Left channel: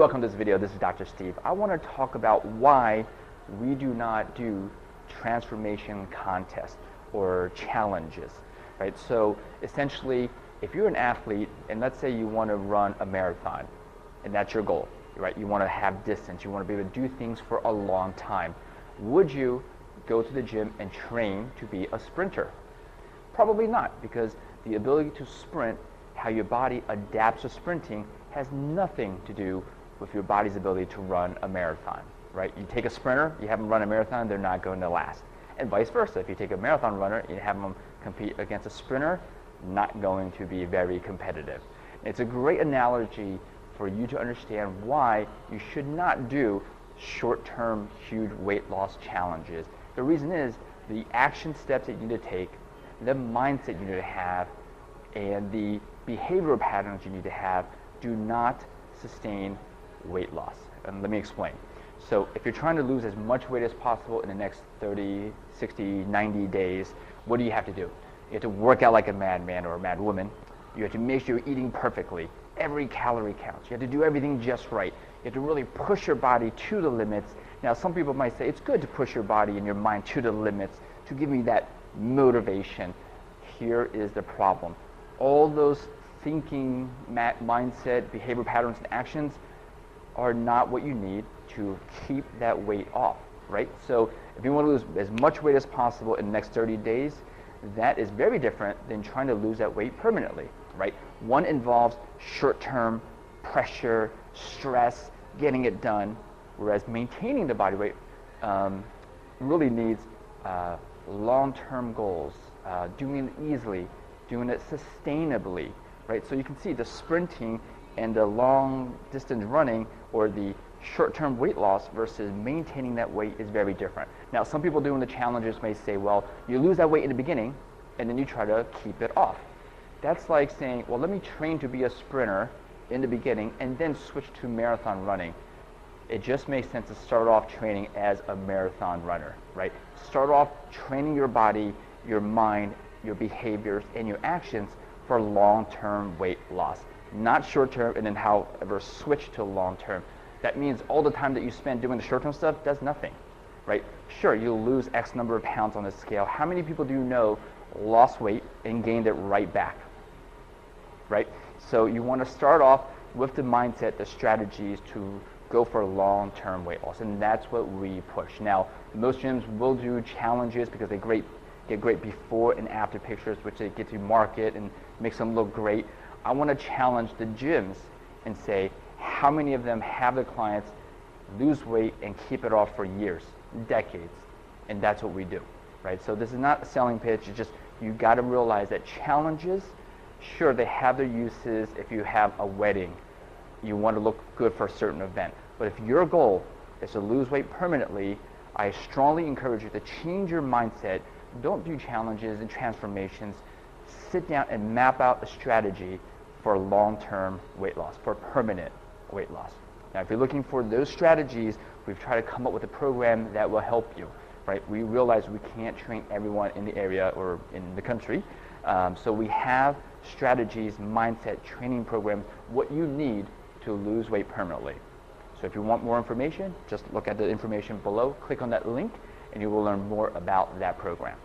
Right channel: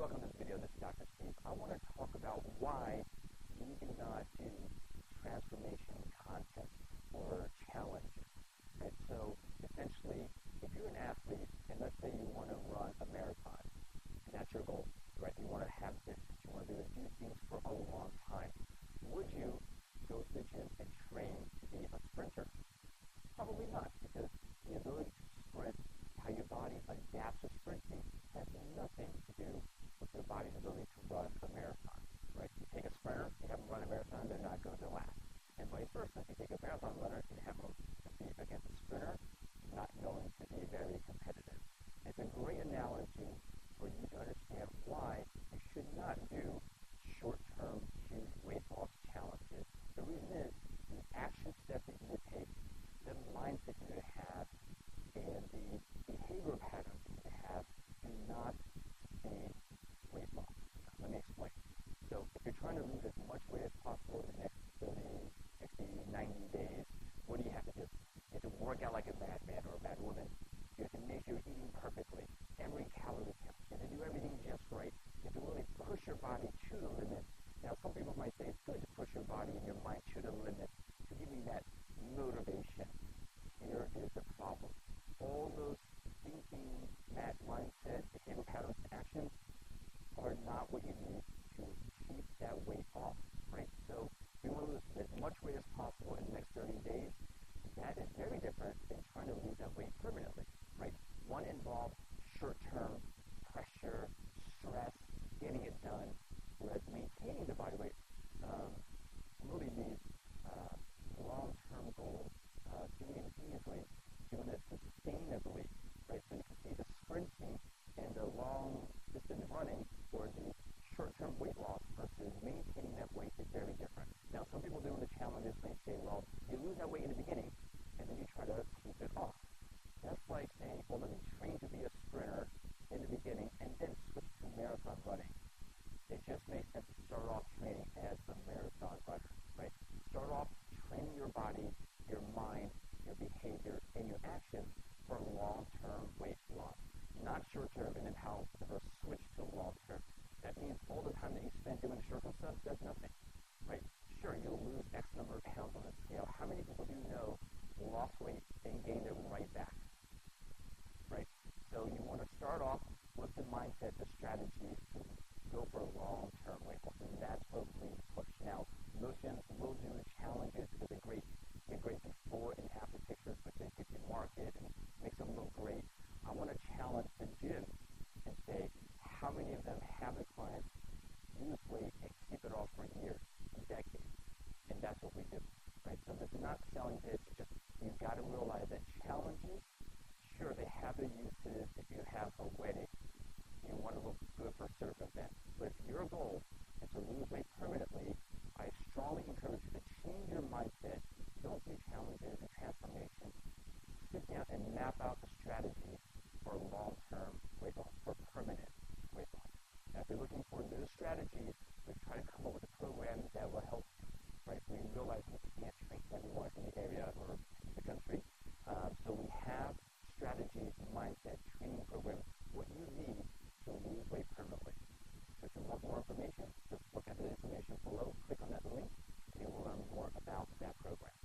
welcome to this video. This is Dr. Steve. I want to talk about why we do not do transformation contests or challenges, right? So essentially, if you're an athlete and let's say you want to run a marathon and that's your goal, right? You want to have distance, you want to be able to do things for a long time. Would you go to the gym and train to be a sprinter? Probably not, because the ability to sprint, how your body adapts to sprinting, has nothing to do with your body's ability to run a marathon, right? You take a sprinter, you have them run a marathon, they're not going to last. And vice versa, if you take a marathon runner, you have them compete against a sprinter, not going to be very competitive. It's a great analogy for you to understand why you should not do short-term, huge weight loss challenges. The reason is the action steps that you need to take, the mindset you need to have, and the behavioral patterns you need to have do not sustain weight loss. And let me explain. So if you're trying to lose as much weight as possible in the next 30, 60, 90 days, what do you have to do? You have to work out like a madman or a mad woman. You have to make sure you're eating perfectly. Every calorie counts. You have to do everything just right. You have to really push your body to the limits. Now, some people might say it's good to push your body and your mind to the limits to give me that motivation. Here is the problem. All those thinking, mindset, behavior patterns, and actions are not what you need to keep that weight off, right? So if you want to lose as much weight as possible in the next 30 days, that is very different than trying to lose that weight permanently, right? One involves short-term pressure, stress, getting it done, whereas maintaining the body weight really needs long-term goals, doing it easily, doing it sustainably, right? So you can see the sprinting and the long distance running or the short-term weight loss versus maintaining that weight is very different. Now, some people doing the challenges may say, well, you lose that weight in the beginning and then you try to keep it off. That's like saying, well, let me train to be a sprinter in the beginning and then switch to marathon running. It just makes sense to start off training as a marathon runner, right? Start off training your body, your mind, your behaviors, and your actions for long-term weight loss, not short-term and then however switch to long-term. That means all the time that you spend doing the short-term stuff does nothing, right? Sure, you'll lose X number of pounds on the scale. How many people do you know lost weight and gained it right back, right? So you want to start off with the mindset, the strategies to go for long-term weight loss, and that's what we push. Now, most gyms will do challenges because they get great before and after pictures, which they get to market and makes them look great. I want to challenge the gyms and say, how many of them have their clients lose weight and keep it off for years, decades? And that's what we do, right? So this is not a selling pitch. It's just you got to realize that challenges, sure, they have their uses. If you have a wedding, you want to look good for a certain event. But if your goal is to lose weight permanently, I strongly encourage you to change your mindset. Don't do challenges and transformations. Sit down and map out a strategy for long-term weight loss, for permanent weight loss. Now, if you're looking for those strategies, we've tried to come up with a program that will help you, right? We realize we can't train everyone in the area or in the country. So we have strategies, mindset, training programs, what you need to lose weight permanently. So if you want more information, just look at the information below, click on that link, and you will learn more about that program.